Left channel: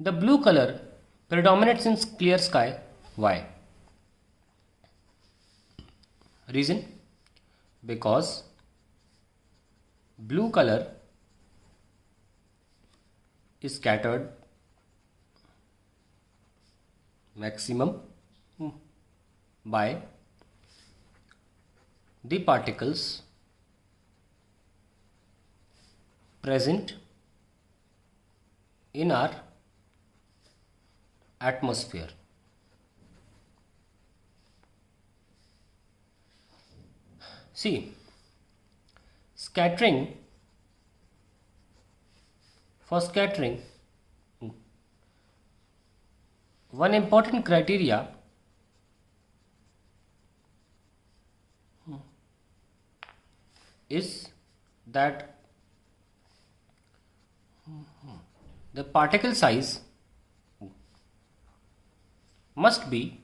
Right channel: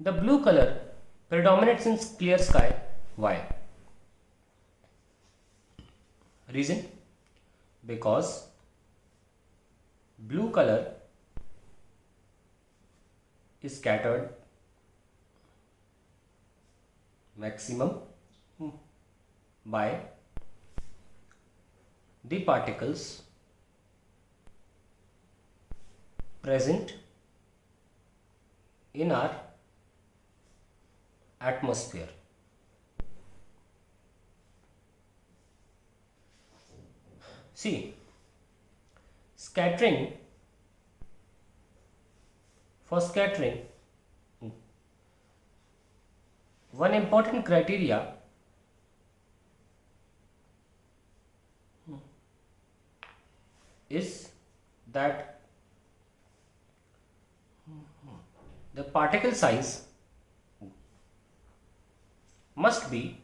The blue color predominates in clear sky. Why? Reason? Because blue color is scattered maximum by the particles present in our atmosphere. See, scattering, for scattering, one important criteria is that the particle size must be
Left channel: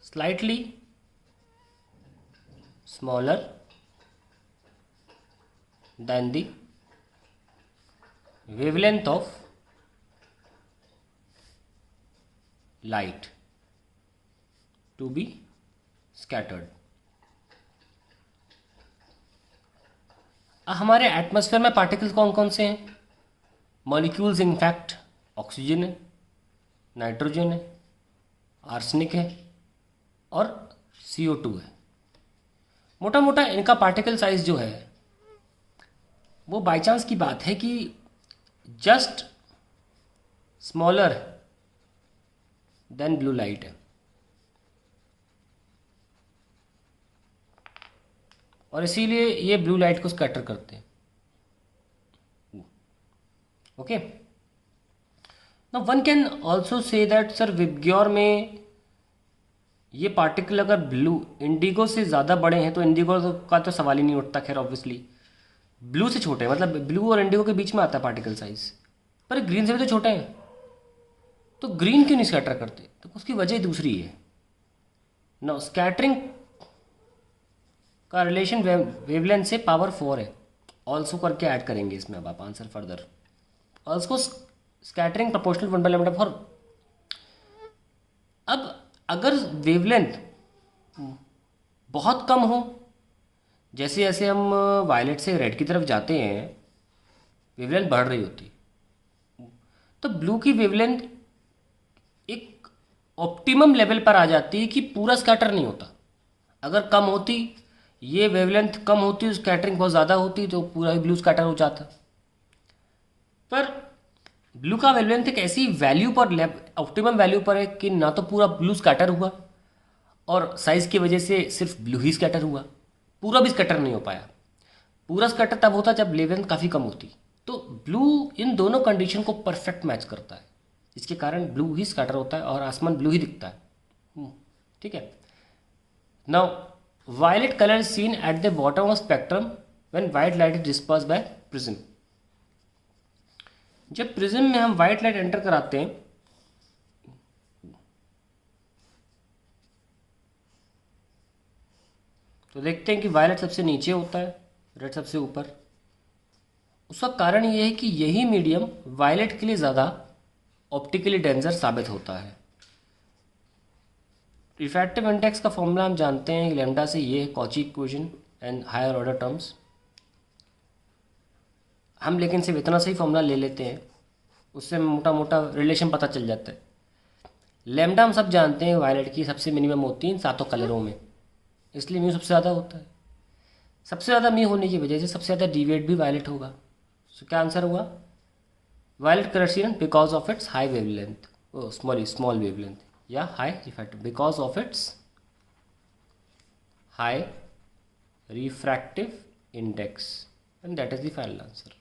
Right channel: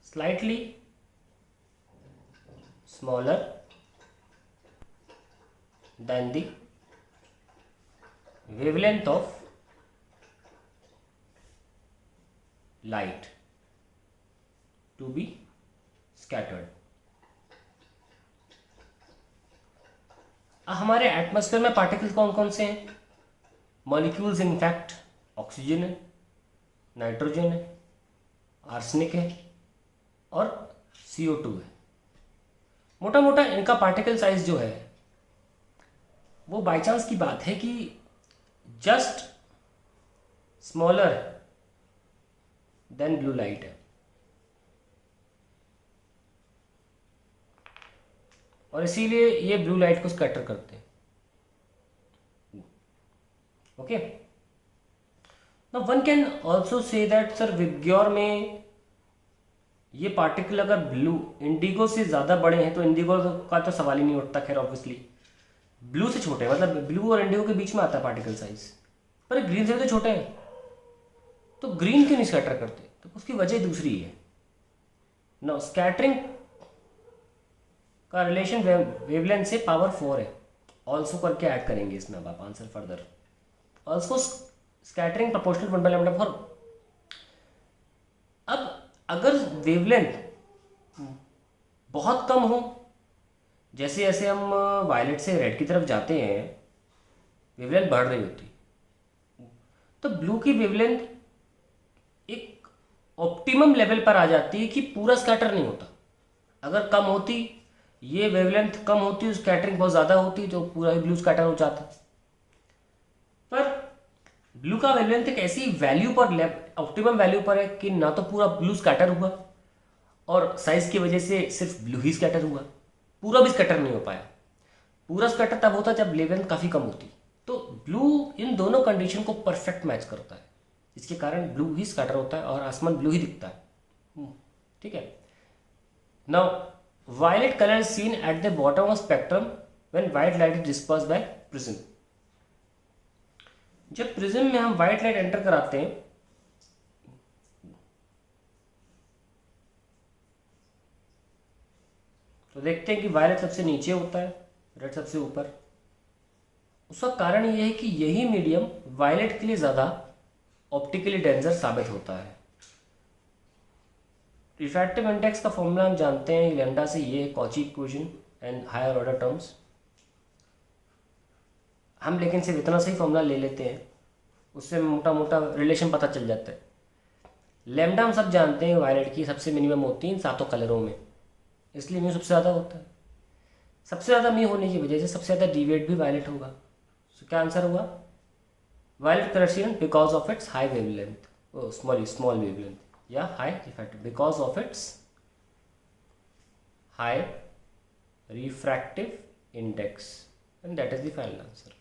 slightly smaller than the wavelength of light to be scattered. हमारे atmosphere में particles कौन कौन से हैं? Molecules in fact oxygen है, nitrogen है, arsenic है और CO2 है। मोटा मोटा इनका पार्टिकल साइज जो है वो बाय चांस की बात है कि just smaller than blue light है, और इसीलिए ये ब्लू लाइट को स्कैटर करते हैं। Okay, now one can also say that sir VIBGYOR में ये पार्टिकल अगर ब्लू इंडिगो से ज़्यादा बड़े हैं तो इंडिगो का तो सवाल ही नहीं उठता। खैर ऑब्वियसली ब्लू से छोटे हैं, मतलब ब्लू और इंडिगो के बीच में आता है पार्टिकल साइज, पर ग्रीन से भी तो छोटे हैं, तो ग्रीन क्यों नहीं स्कैटर करते? तो उसकी वजह दूसरी है। नो, स्कैटरिंग का रिलेशन वेवलेंथ से पावर 4 है। ऑल्सो करके ऐड करेंगे इसमें अब आप answer further. Also scattering proportional 1/λ four. अब अगर वेवलेंथ बहुत कम हो, जैसे जैसे हम वायलेट से रेड की तरफ जाते हैं वेवलेंथ बढ़ रही होती, तो ब्लू की वेवलेंथ एक ऑप्टिमम लेवल पर आ जाती है कि पूरा स्कैटर नहीं होता। अगर कम होती, ये वेवलेंथ कम होती, स्कैटरिंग बहुत ज़्यादा होती, तो पूरा ही ब्लू स्कैटर हो जाता। पर ब्लू का वेवलेंथ एक ऐसी वैल्यू पर, ऑप्टिमम वैल्यू पर है कि ना तो पूरा ब्लू स्कैटर हुआ और साइज की वजह से सिर्फ ब्लू ही स्कैटर हुआ, पूरा भी स्कैटर नहीं हो पाया। पूरा स्कैटर तब होता जब वेवलेंथ काफ़ी कम होती। तो ब्लू इन दोनों कंडीशन को परफेक्ट मैच करता है, इसके कारण ब्लू ही स्कैटर होता है और आसमान ब्लू ही दिखता है। ठीक है। Now violet colour seen at the bottom of spectrum when white light is disperse by prism. जब प्रिज्म में हम वाइट लाइट एंटर कराते हैं तो देखते हैं कि वायलेट सबसे नीचे होता है, रेड सबसे ऊपर। उसका कारण ये है कि यही मीडियम वायलेट के लिए ज़्यादा ऑप्टिकली डेंजर साबित होता है। रिफ्रैक्टिव इंडेक्स का फॉर्मूला हम जानते हैं, लैम्डा से ये है Cauchy equation and higher order terms. हम लेकिन सिर्फ इतना सही फॉर्मूला ले लेते हैं, उससे मोटा मोटा रिलेशन पता चल जाता है। लैम्डा हम सब जानते हैं वायलेट की सबसे मिनिमम होती है इन सातों कलरों में, इसलिए म्यू सबसे ज़्यादा होता है। सबसे ज़्यादा म्यू होने की वजह से सबसे ज़्यादा डिविएट भी वायलेट होगा। तो क्या आंसर हुआ? Violet colour seen because of its high wavelength, small wavelength या high refractive, because of its high refractive index, and that is the final answer.